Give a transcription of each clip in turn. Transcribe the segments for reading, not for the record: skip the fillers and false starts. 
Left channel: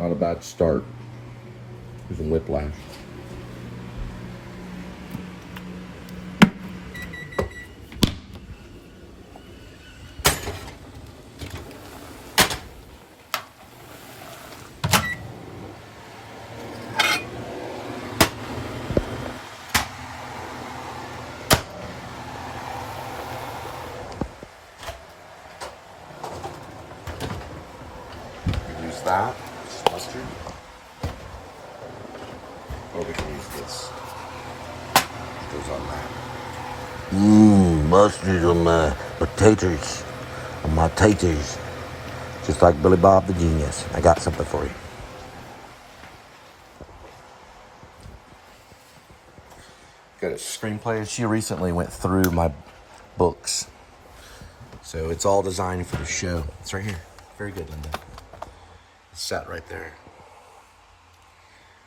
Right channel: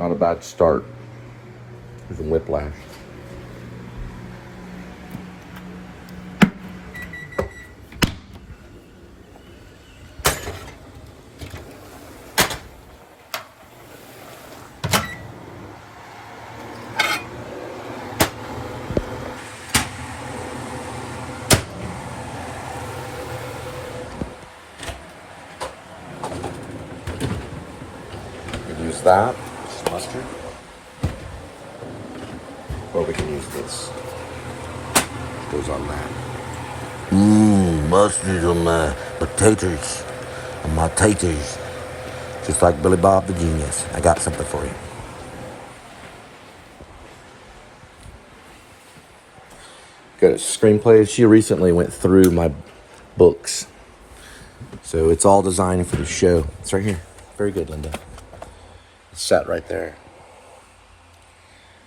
Not a bad start with a whiplash. Use that. Mustard. Or we can use this. Goes on that. Mustard on my potatoes. On my taters. Just like Billy Bob the Genius. I got something for you. Good. Screenplays. She recently went through my books. So it's all designed for the show. It's right here. Very good, Linda. It's sat right there.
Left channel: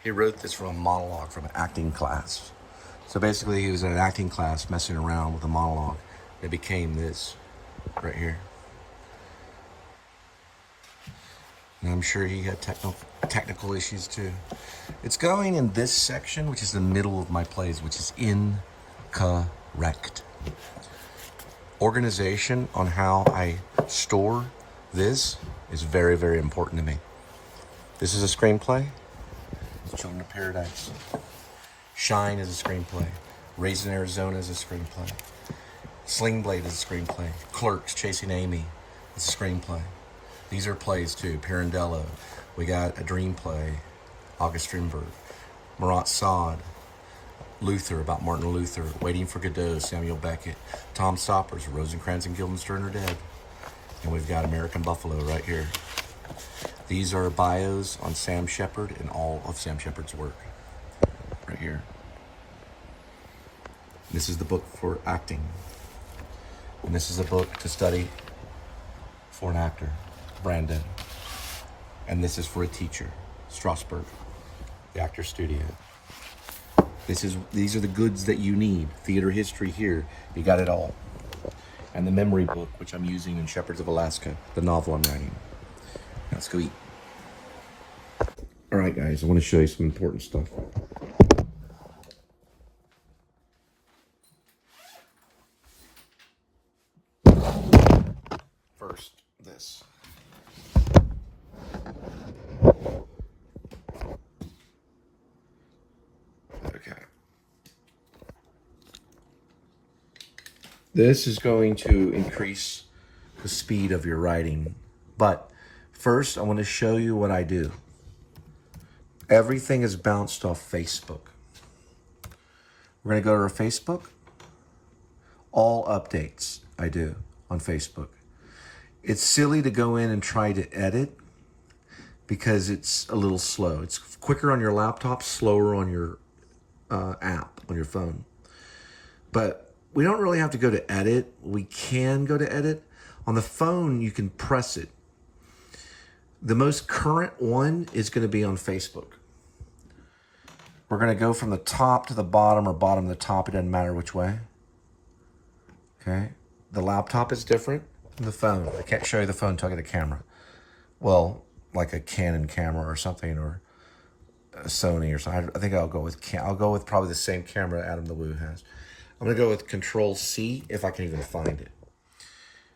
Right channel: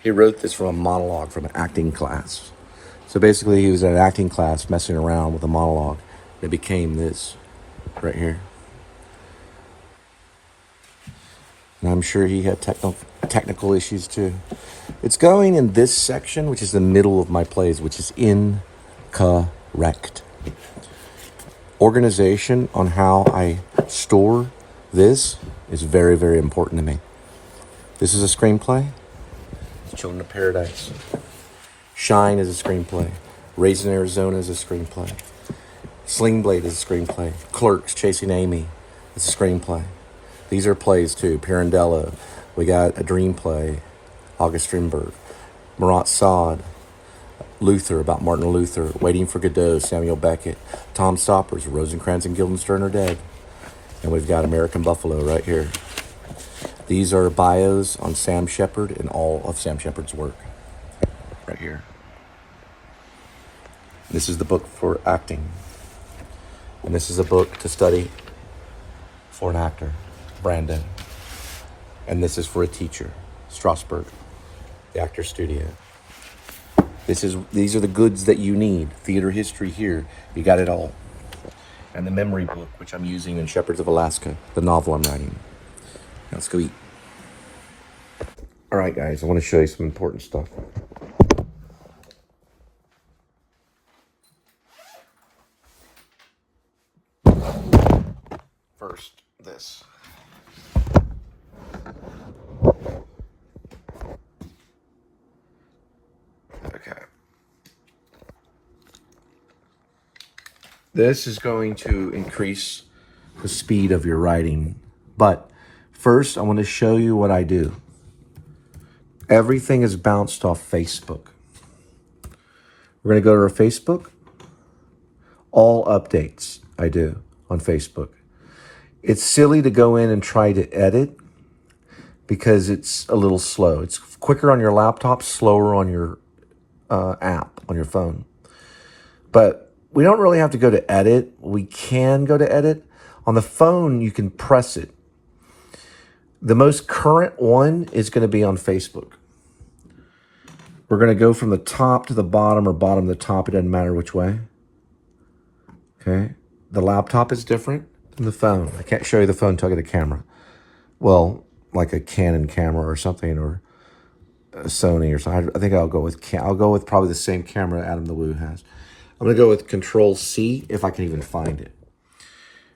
He wrote this from a monologue from an acting class. So basically he was at an acting class messing around with a monologue. It became this right here. And I'm sure he had technical issues too. It's going in this section, which is the middle of my plays, which is incorrect. Organization on how I store this is very, very important to me. This is a screenplay. Children of Paradise. Shine is a screenplay. Raising Arizona is a screenplay. Sling Blade is a screenplay. Clerks, Chasing Amy is a screenplay. These are plays too. Pirandello. We got a dream play. August Strindberg. Marat Sade. Luther, about Martin Luther. Waiting for Godot, Samuel Beckett. Tom Stoppers, Rosencrantz and Guildenstern are dead. And we've got American Buffalo right here. These are bios on Sam Shepard and all of Sam Shepard's work. Right here. This is the book for acting. And this is a book to study for an actor, Brandon. And this is for a teacher, Strasberg, the Actor Studio. These are the goods that you need. Theater history here. You got it all. And the memory book, which I'm using in Shepherds of Alaska, the novel I'm writing. Now let's go eat. All right, guys, I want to show you some important stuff. First, this. Okay. This is going to increase the speed of your writing. But first, I want to show you what I do. Everything is bounced off Facebook. We're going to go to our Facebook. All updates I do on Facebook. It's silly to go in and try to edit because it's a little slow. It's quicker on your laptop, slower on your app, on your phone. But we don't really have to go to edit. We can go to edit. On the phone, you can press it. The most current one is going to be on Facebook. We're going to go from the top to the bottom or bottom to the top. It doesn't matter which way. Okay. The laptop is different than the phone. I can't show you the phone until I get a camera. Well, like a Canon camera or something, or a Sony or something. I think I'll go with probably the same camera Adam the Woo has. I'm going to go with Control C if I can even find it.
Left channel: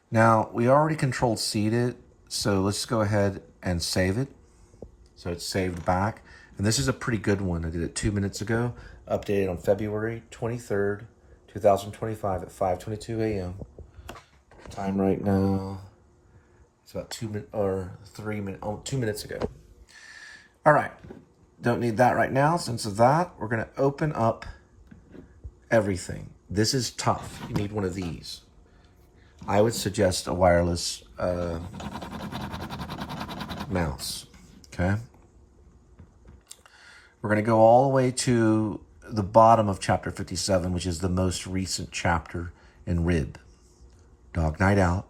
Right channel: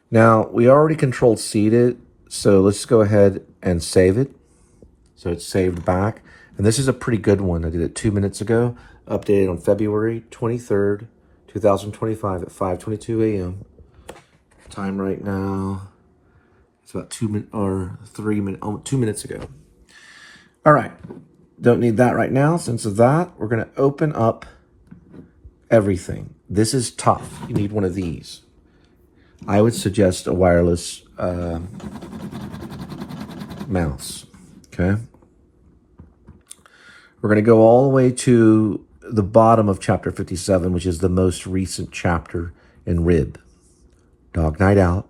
Now, we already Control C'd it, so let's go ahead and save it. So it's saved back. And this is a pretty good one. I did it 2 minutes ago. Updated on February 23rd, 2025 at 5:22 a.m. Time right now. It's about 2 minutes ago. All right. Don't need that right now. Since of that, we're going to open up everything. This is tough. You need one of these. I would suggest a wireless mouse. Okay. We're going to go all the way to the bottom of chapter 57, which is the most recent chapter in Rib. Dog Night Out,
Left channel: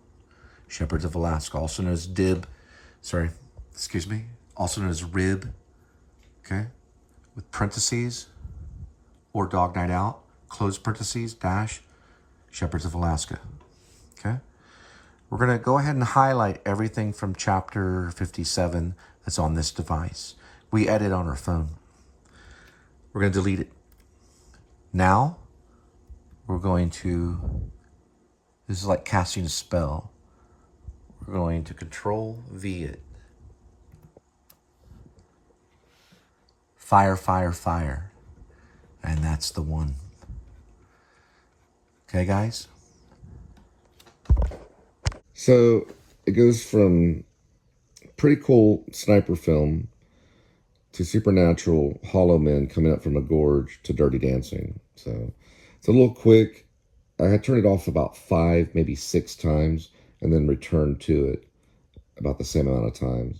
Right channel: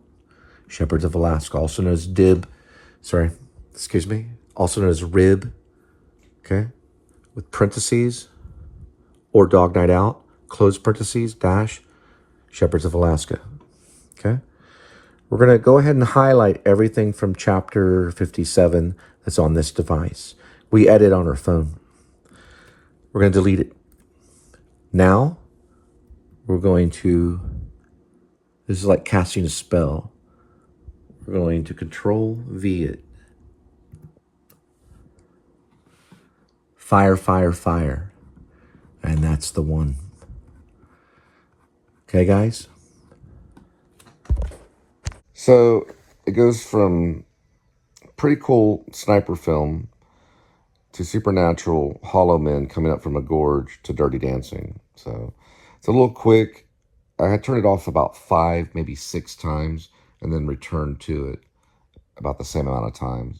Shepherds of Alaska, also known as also known as Rib, okay, with parentheses, or Dog Night Out, close parentheses, dash, Shepherds of Alaska, okay? We're going to go ahead and highlight everything from chapter 57 that's on this device. We edit on our phone. We're going to delete it. Now, we're going to, this is like casting a spell. We're going to Control V it. Fire, fire, fire. And that's the one. Okay, guys? So it goes from pretty cool sniper film to supernatural hollow men coming up from a gorge to Dirty Dancing. So it's a little quick. I had turned it off about 5, maybe 6 times and then returned to it about the same amount of times.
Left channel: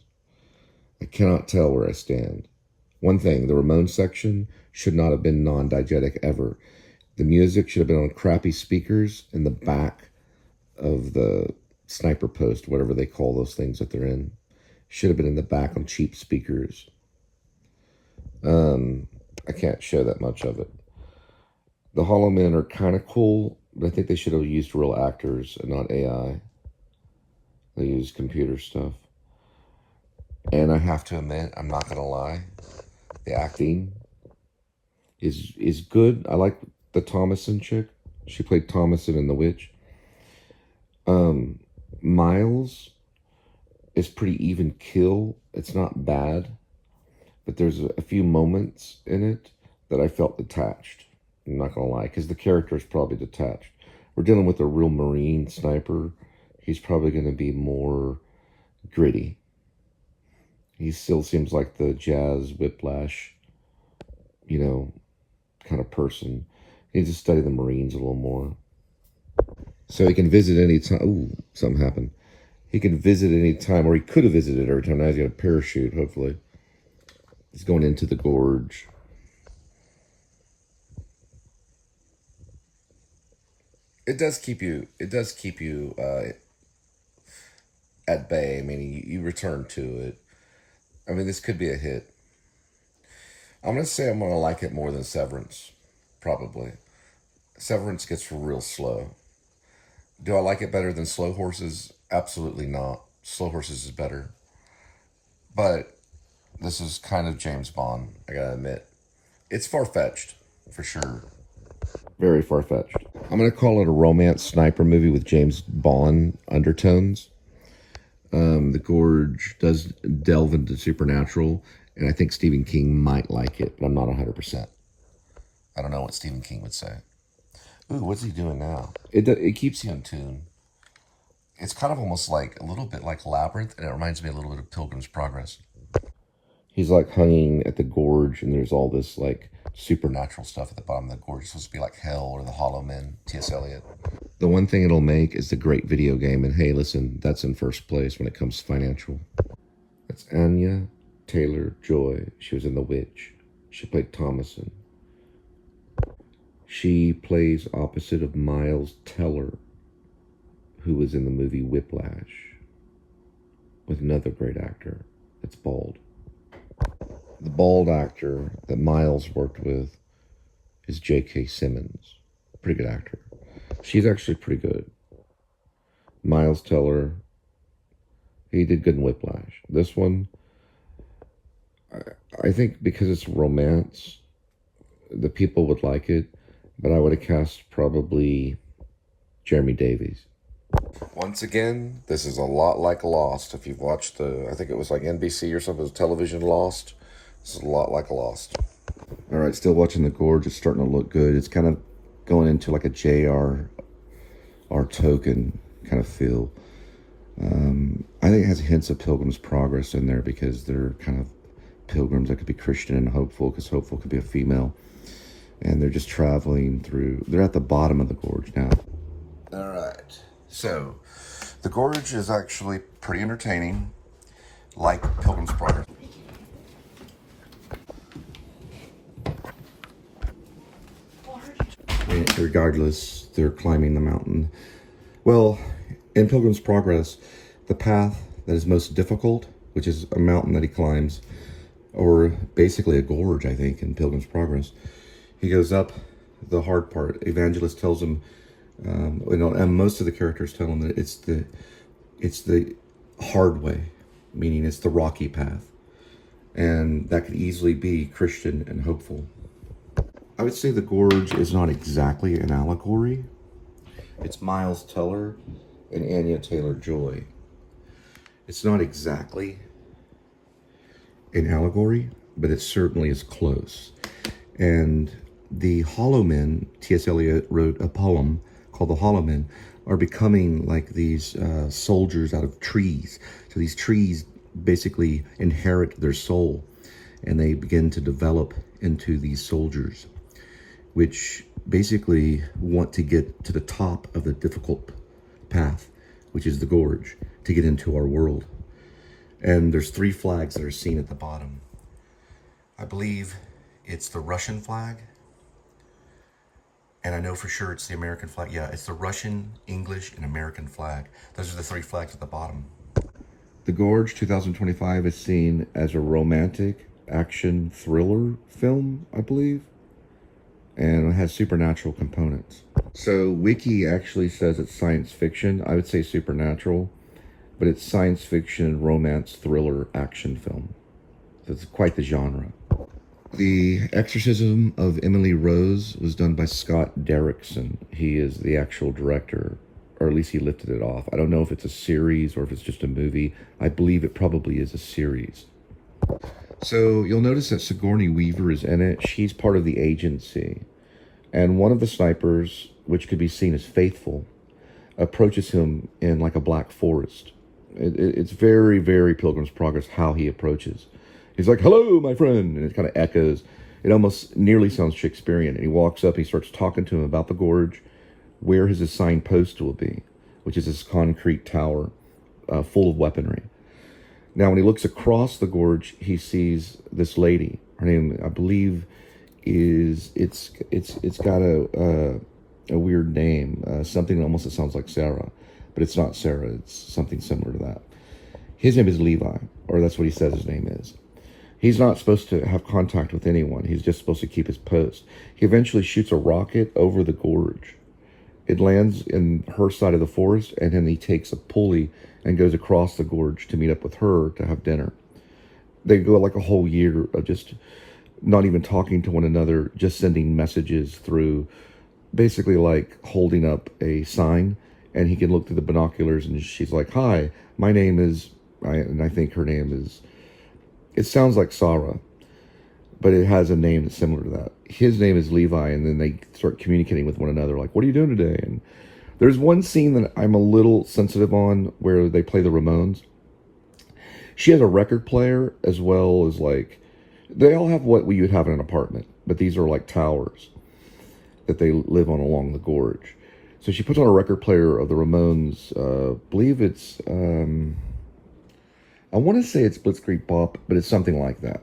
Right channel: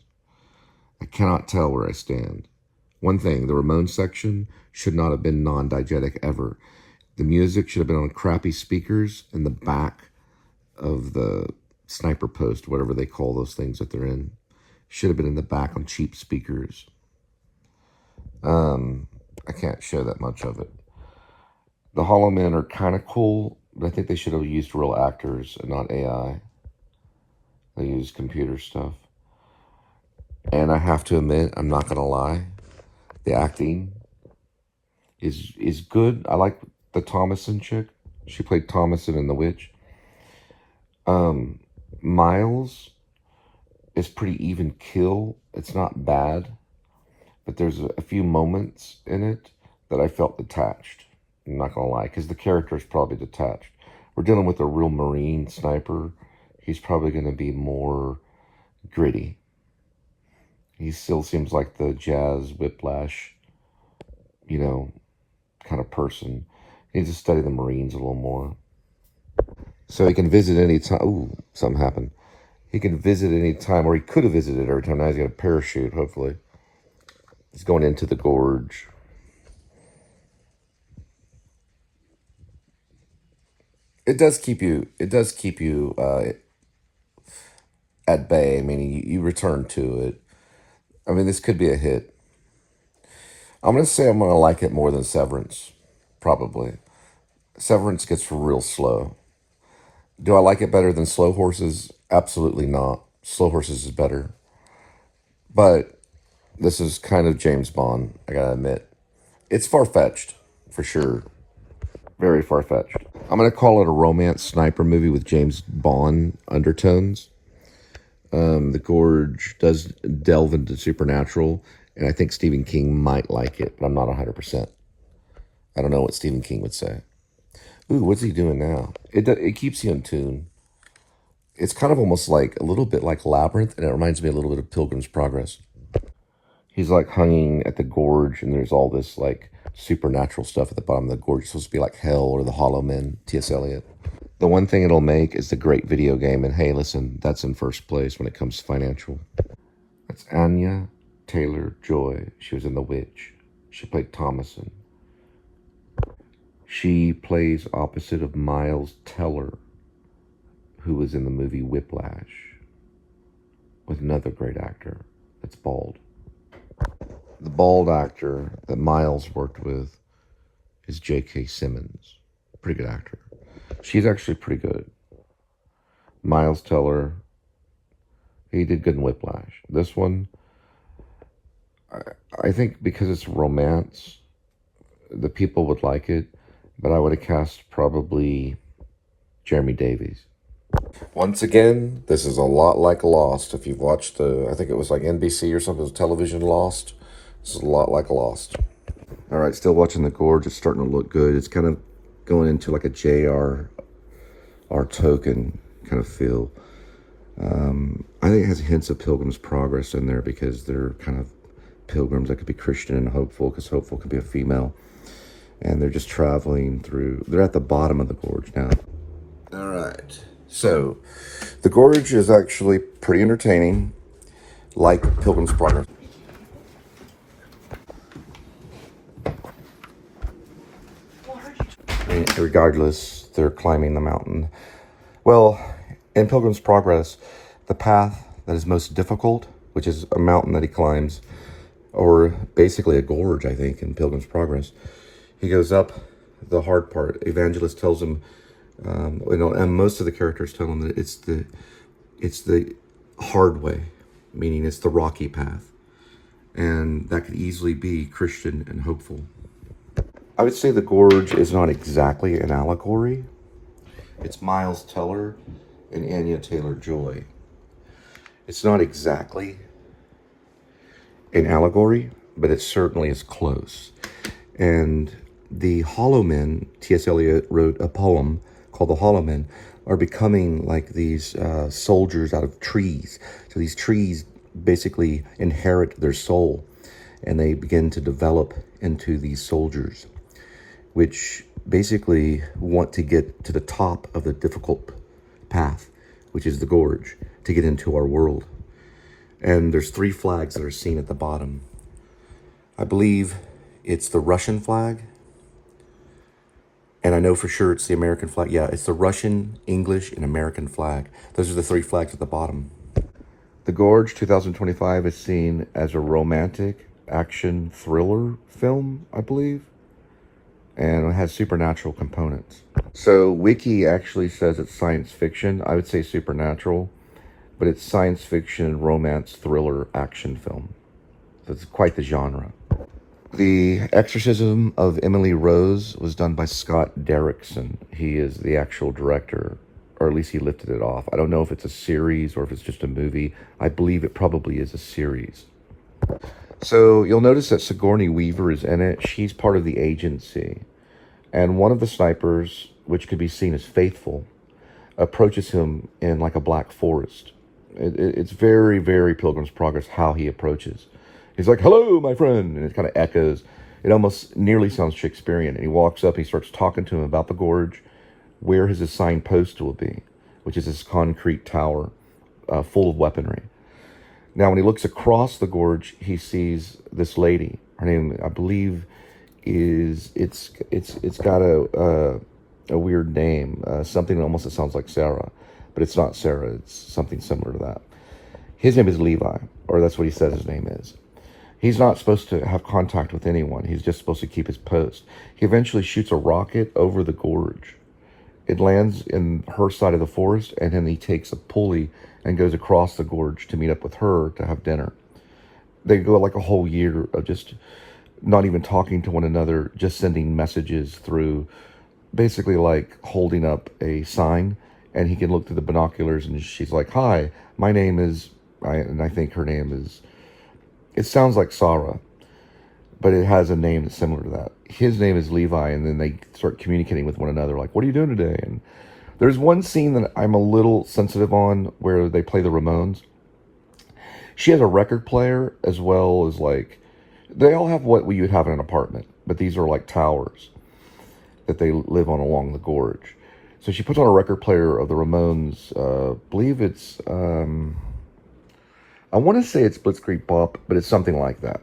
I cannot tell where I stand. One thing, the Ramen section should not have been non-diegetic ever. The music should have been on crappy speakers in the back of the sniper post, whatever they call those things that they're in. Should have been in the back on cheap speakers. I can't show that much of it. The Hollow Men are kind of cool, but I think they should have used real actors and not AI. They use computer stuff. And I have to admit, I'm not going to lie, the acting is good. I like the Thomason chick. She played Thomason in The Witch. Miles is pretty even kill. It's not bad, but there's a few moments in it that I felt detached. I'm not going to lie, because the character is probably detached. We're dealing with a real Marine sniper. He's probably going to be more gritty. He still seems like the Jazz Whiplash, you know, kind of person. He needs to study the Marines a little more. So he can visit any time. Ooh, something happened. He can visit any time, or he could have visited every time. Now he's got a parachute, hopefully. He's going into the gorge. It does keep you at bay. I mean, you return to it. I mean, this could be a hit. I'm going to say I'm going to like it more than Severance, probably. Severance gets real slow. Do I like it better than Slow Horses? Absolutely not. Slow Horses is better. But this is kind of James Bond, I gotta admit. It's far-fetched, for sure. Very far-fetched. I'm going to call it a romance sniper movie with James Bond undertones. The Gorge does delve into supernatural, and I think Stephen King might like it, but I'm not 100%. I don't know what Stephen King would say. Ooh, what's he doing now? It keeps you in tune. It's kind of almost like a little bit like Labyrinth, and it reminds me a little bit of Pilgrim's Progress. He's like hanging at the gorge, and there's all this like supernatural stuff at the bottom of the gorge. It's supposed to be like hell or the Hollow Men, T.S. Eliot. The one thing it'll make is the great video game, and hey, listen, that's in first place when it comes to financial. That's Anya Taylor-Joy. She was in The Witch. She played Thomason. She plays opposite of Miles Teller, who was in the movie Whiplash, with another great actor that's bald. The bald actor that Miles worked with is J.K. Simmons. Pretty good actor. She's actually pretty good. Miles Teller, he did good in Whiplash. This one, I think because it's romance, the people would like it, but I would have cast probably Jeremy Davies. Once again, this is a lot like Lost. If you've watched I think it was like NBC or something, television Lost. This is a lot like Lost. All right, still watching the gorge. It's starting to look good. It's kind of going into like a J.R.R. Tolkien kind of feel. I think it has hints of Pilgrim's Progress in there because they're kind of pilgrims that could be Christian and hopeful, because hopeful could be a female. And they're just traveling through. They're at the bottom of the gorge now. All right. So, the gorge is actually pretty entertaining, like Pilgrim's Progress. Regardless, they're climbing the mountain. Well, in Pilgrim's Progress, the path that is most difficult, which is a mountain that he climbs, or basically a gorge, I think, in Pilgrim's Progress, he goes up the hard part. Evangelist tells him, and most of the characters tell him that it's the hard way, meaning it's the rocky path. and that could easily be Christian and hopeful. I would say the Gorge is not exactly an allegory. It's Miles Teller and Anya Taylor-Joy. It's not exactly an allegory, but it certainly is close. And the Hollow Men, T.S. Eliot wrote a poem called The Hollow Men, are becoming like these soldiers out of trees. So these trees basically inherit their soul, and they begin to develop into these soldiers, which basically want to get to the top of the difficult path, which is the Gorge, to get into our world. And there's 3 flags that are seen at the bottom. I believe it's the Russian flag, and I know for sure it's the American flag. Yeah, it's the Russian, English, and American flag. Those are the 3 flags at the bottom. The Gorge 2025 is seen as a romantic action thriller film, I believe, and it has supernatural components. So Wiki actually says it's science fiction. I would say supernatural, but it's science fiction, romance, thriller, action film. That's quite the genre. The Exorcism of Emily Rose was done by Scott Derrickson. He is the actual director, or at least he lifted it off. I don't know if it's a series or if it's just a movie. I believe it probably is a series. So you'll notice that Sigourney Weaver is in it. She's part of the agency. And one of the snipers, which could be seen as Faithful, approaches him in like a black forest. It's very, very Pilgrim's Progress how he approaches. He's like, "Hello, my friend," and it kind of echoes. It almost nearly sounds Shakespearean. And he walks up, he starts talking to him about the Gorge, where his assigned post will be, which is this concrete tower full of weaponry. Now, when he looks across the Gorge, he sees this lady. Her name, I believe, is it's got a weird name, something almost that sounds like Sarah, but it's not Sarah. It's something similar to that. His name is Levi, or that's what he says his name is. He's not supposed to have contact with anyone. He's just supposed to keep his post. He eventually shoots a rocket over the Gorge. It lands in her side of the forest, and then he takes a pulley and goes across the Gorge to meet up with her to have dinner. They go like a whole year of just not even talking to one another, just sending messages through, basically like holding up a sign, and he can look through the binoculars, and she's like, "Hi, my name is," and I think her name is, it sounds like Sarah, but it has a name that's similar to that. His name is Levi, and then they start communicating with one another, like, "What are you doing today?" And there's one scene that I'm a little sensitive on where they play the Ramones. She has a record player as well as like, they all have what you would have in an apartment, but these are like towers that they live on along the Gorge. So she puts on a record player of the Ramones. Believe it's, I want to say it's Blitzkrieg Bop, but it's something like that.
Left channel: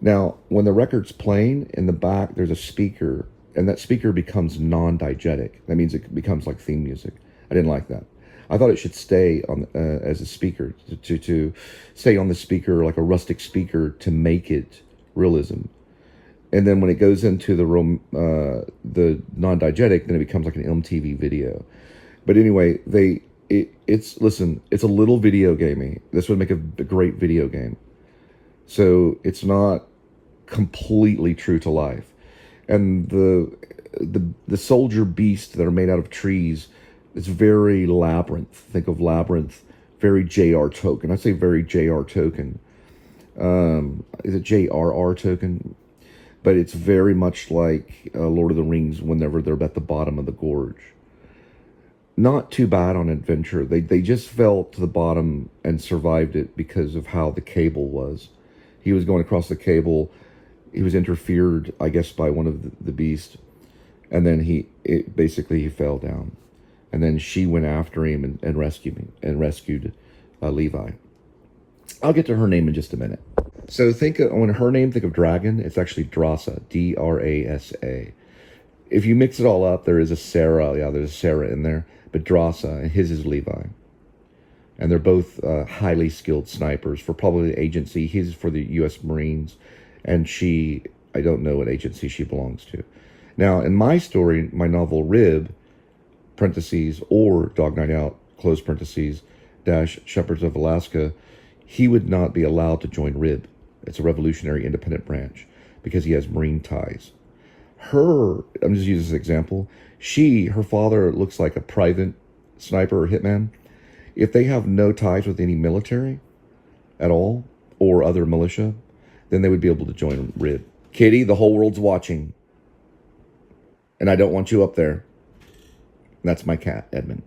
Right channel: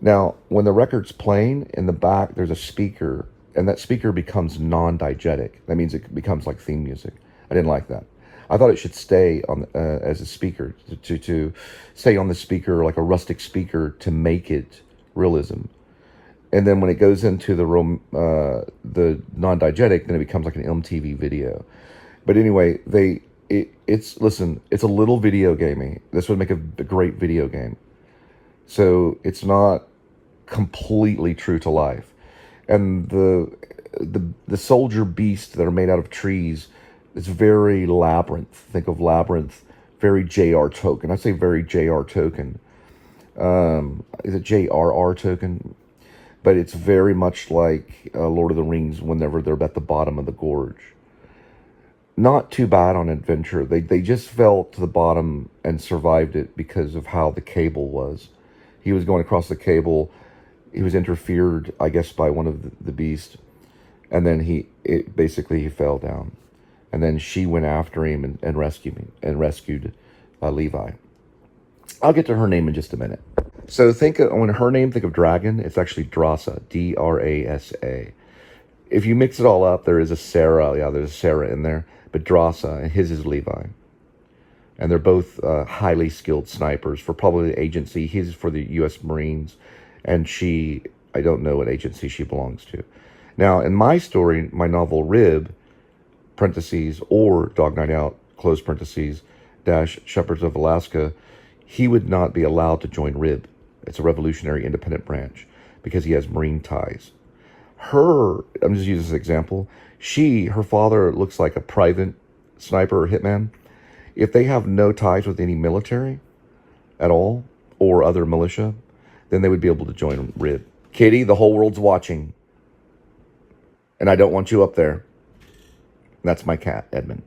Now, when the record's playing, in the back, there's a speaker, and that speaker becomes non-diegetic. That means it becomes like theme music. I didn't like that. I thought it should stay on as a speaker, to stay on the speaker, like a rustic speaker, to make it realism. And then when it goes into the non-diegetic, then it becomes like an MTV video. But anyway, it's a little video gamey. This would make a great video game. So it's not completely true to life. And the soldier beasts that are made out of trees is very Labyrinth. Think of Labyrinth, very J.R. Tolkien. I'd say very J.R. Tolkien. Is it J.R.R. Tolkien? But it's very much like Lord of the Rings whenever they're at the bottom of the Gorge. Not too bad on adventure. They just fell to the bottom and survived it because of how the cable was. He was going across the cable. He was interfered, I guess, by one of the beasts. And then he fell down. And then she went after him and rescued Levi. I'll get to her name in just a minute. So think of dragon, it's actually Drasa, D-R-A-S-A. If you mix it all up, there is a Sarah. Yeah, there's a Sarah in there. But Drasa, and his is Levi. And they're both highly skilled snipers for probably the agency. He's for the U.S. Marines. And she, I don't know what agency she belongs to. Now, in my story, my novel Rib, parentheses, or Dog Night Out, close parentheses, dash Shepherds of Alaska, he would not be allowed to join Rib. It's a revolutionary independent branch because he has Marine ties. I'm just using this example. Her father looks like a private sniper or hitman. If they have no ties with any military at all or other militia, then they would be able to join RID. Kitty, the whole world's watching. And I don't want you up there. That's my cat, Edmund.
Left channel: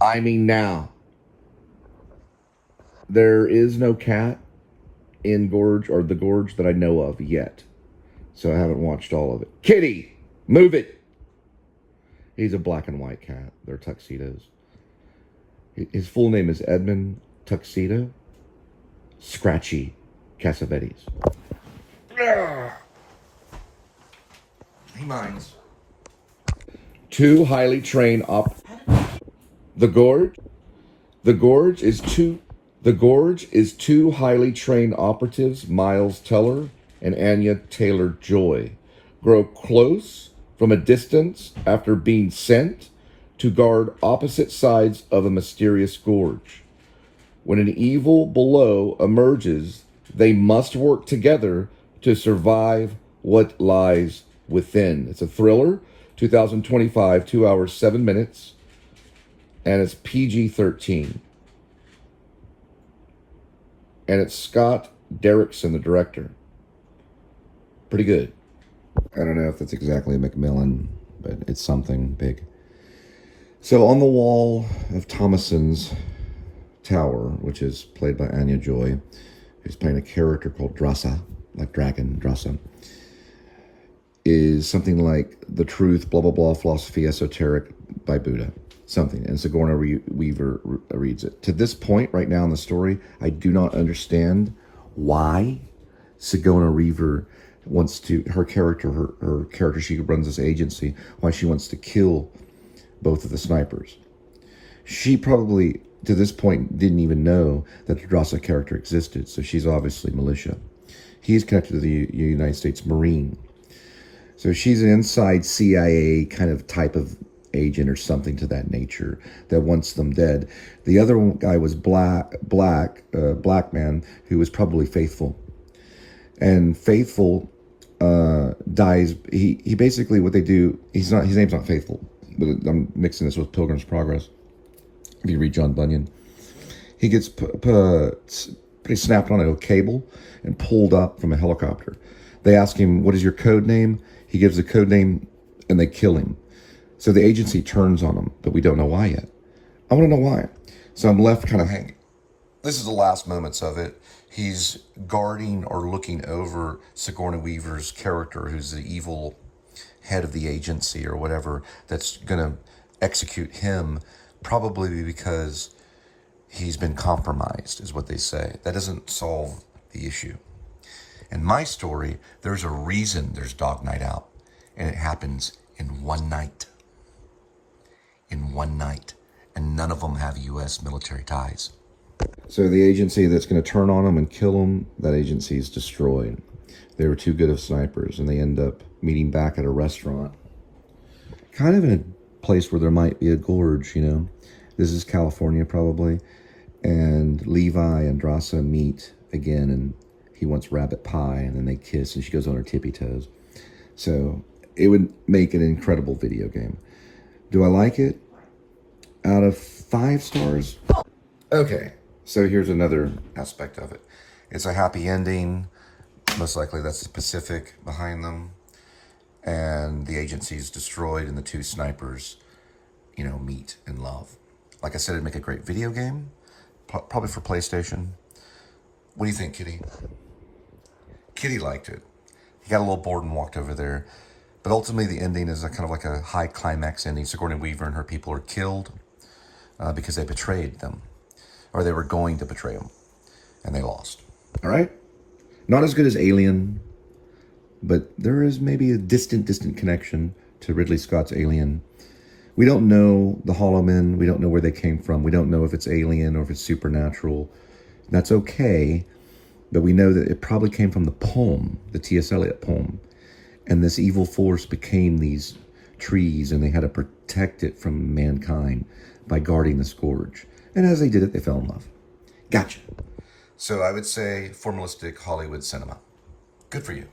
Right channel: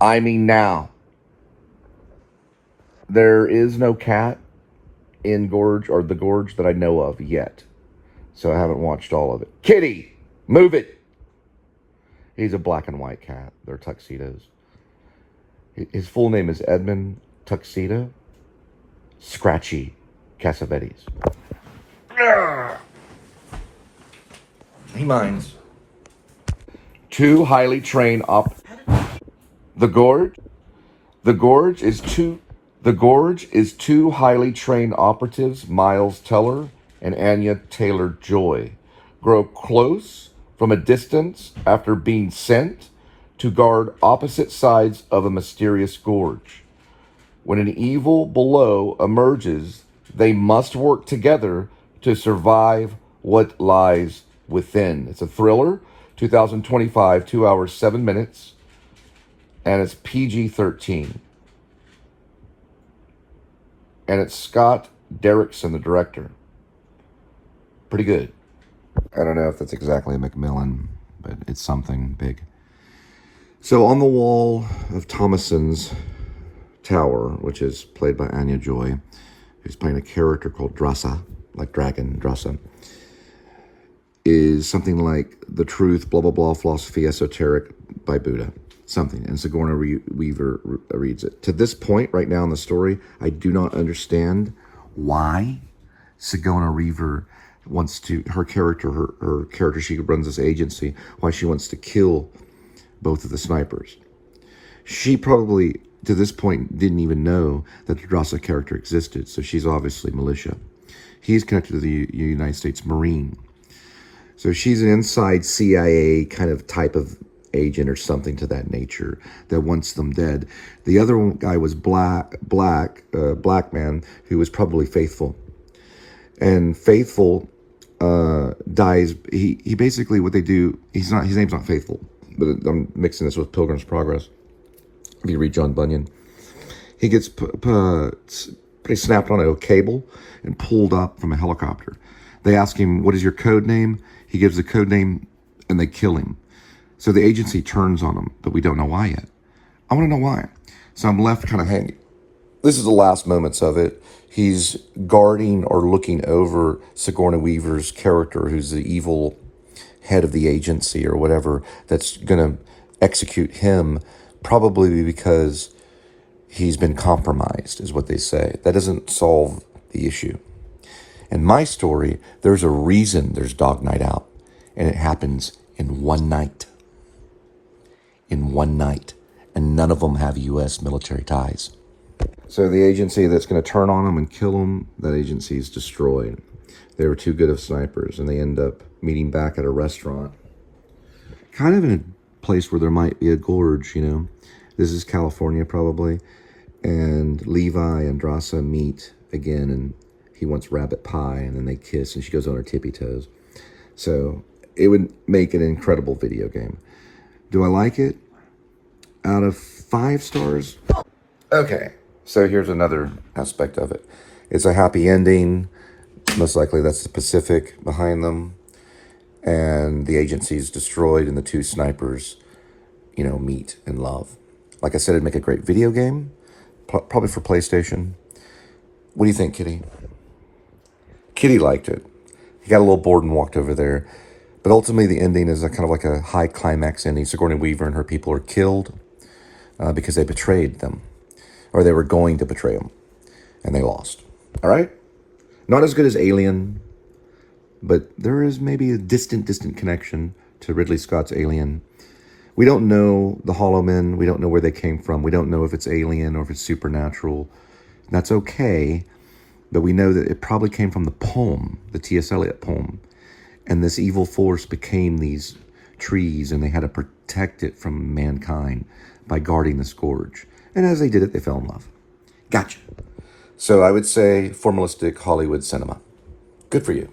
I mean now. There is no cat in Gorge or the Gorge that I know of yet. So I haven't watched all of it. Kitty, move it. He's a black and white cat. They're tuxedos. His full name is Edmund Tuxedo Scratchy Cassavetes. He minds. Two highly trained The Gorge is two highly trained operatives, Miles Teller and Anya Taylor-Joy, grow close from a distance after being sent to guard opposite sides of a mysterious gorge. When an evil below emerges, they must work together to survive what lies within. It's a thriller, 2025, 2 hours, 7 minutes, and it's PG-13. And it's Scott Derrickson, the director. Pretty good. I don't know if that's exactly Macmillan, but it's something big. So on the wall of Thomason's tower, which is played by Anya Joy, who's playing a character called Drasa, like dragon, Drasa, is something like the truth, blah, blah, blah, philosophy, esoteric by Buddha. Something. And Sigourney Weaver reads it. To this point, right now in the story, I do not understand why Sigourney Weaver wants to, her character, she runs this agency, why she wants to kill both of the snipers. She probably, to this point, didn't even know that the Drasa character existed, so she's obviously militia. He's connected to the United States Marine. So she's an inside CIA kind of type of agent or something to that nature that wants them dead. The other guy was black man who was probably Faithful. And Faithful dies. He basically, what they do, his name's not Faithful, but I'm mixing this with Pilgrim's Progress. If you read John Bunyan, he gets snapped on a cable and pulled up from a helicopter. They ask him, what is your code name? He gives the code name and they kill him. So the agency turns on him, but we don't know why yet. I want to know why. So I'm left kind of hanging. This is the last moments of it. He's guarding or looking over Sigourney Weaver's character, who's the evil head of the agency or whatever, that's going to execute him, probably because he's been compromised, is what they say. That doesn't solve the issue. In my story, there's a reason there's Dog Night Out, and it happens in one night. In one night. And none of them have U.S. military ties. So the agency that's going to turn on them and kill them, that agency is destroyed. They were too good of snipers, and they end up meeting back at a restaurant. Kind of in a place where there might be a gorge, you know. This is California, probably. And Levi and Drasa meet again, and he wants rabbit pie, and then they kiss, and she goes on her tippy toes. So it would make an incredible video game. Do I like it? Out of 5 stars? Okay, so here's another aspect of it. It's a happy ending. Most likely that's the Pacific behind them. And the agency is destroyed and the 2 snipers, you know, meet and love. Like I said, it'd make a great video game. Probably for PlayStation. What do you think, Kitty? Kitty liked it. He got a little bored and walked over there. But ultimately, the ending is a kind of like a high climax ending. Sigourney Weaver and her people are killed because they betrayed them. Or they were going to betray them. And they lost. All right? Not as good as Alien. But there is maybe a distant connection to Ridley Scott's Alien. We don't know the Hollow Men. We don't know where they came from. We don't know if it's alien or if it's supernatural. That's okay. But we know that it probably came from the poem, the T.S. Eliot poem. And this evil force became these trees, and they had to protect it from mankind by guarding this gorge. And as they did it, they fell in love. Gotcha. So I would say formalistic Hollywood cinema. Good for you.